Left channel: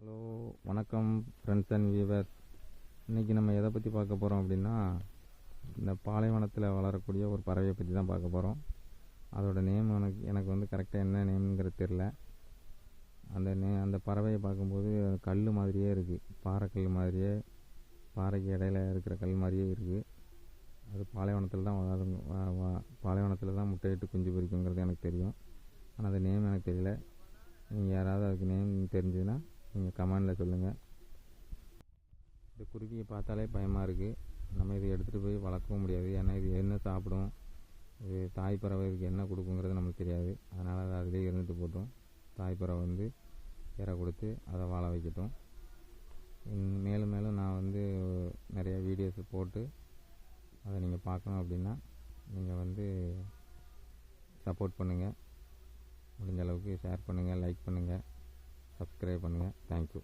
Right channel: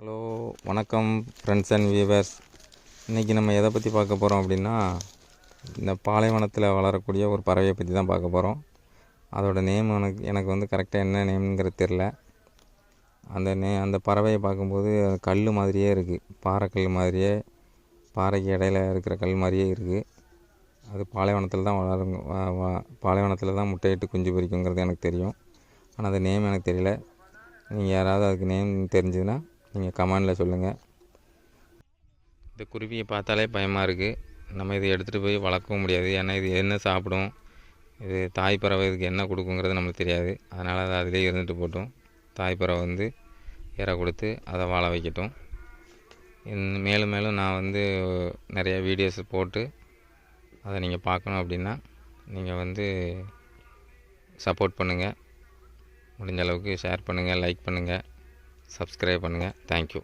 Hello, வணக்கம் friends and viewers. இன்றைக்கி நம்ம எதை பற்றி பார்க்க போகிறோம் அப்படின்னா, இந்த பாலைவனத்தில் வளரக்கூடிய ஒரு பறவையை பற்றி தான் பார்க்க போகிறோம். அதோடய நேம் எனக்கு வந்து கரெக்டாக என்ன நேம்ங்கிறது தெரில. அந்த பறவையை பார்க்கும்போது கல் மாதிரியே இருக்குது, பாறைக்கல் மாதிரியே, பாறைக்கு இடையில இருக்கிற கல் மாதிரியே இருக்குது. அது பாலைவனத்தில் தான் வளரும், பாலைவனத்தில் தான் முட்டையிட்டு குஞ்சு பொரிக்குங்கிறது எனக்கு தெரியும். ஆனால் அது நேம் எனக்கு தெரியல. நீங்கள் யாராவது அதுக்கு நேம் தெரிஞ்சுதுன்னா நீங்கள் கமெண்டில் சொல்லுங்கள். இந்த குருவியை பார்த்தாலே பயமாக இருக்குது. நம்ம இதை எடுத்துகிட்டு போய் வளர்க்கவும் முடியாது. ஏன்னா இது என்ன சாப்பிடும், இது தாய் பறவை, இதுக்கு என்ன கொடுக்குங்கிறது நம்மளுக்கு தெரியாது. அதனால் அது அதிலே இருந்துட்டு போட்டும். தாய் பறவை வந்து இரை கொடுத்து அதை வாழ வைக்கட்டும். மேலும் மேலும் நான் வந்து நிறைய வீடியோஸ் போட்டு அதை நீங்கள் பார்க்கணும் அப்படின்னா நீங்கள் வந்து சப்போர்ட் பண்ணுங்கள். முடிஞ்ச அளவுக்கு ஷேர் பண்ணுங்கள், லைக் பண்ணுங்கள், சப்ஸ்கிரைப் பண்ணுங்கள். தேங்க்யூ.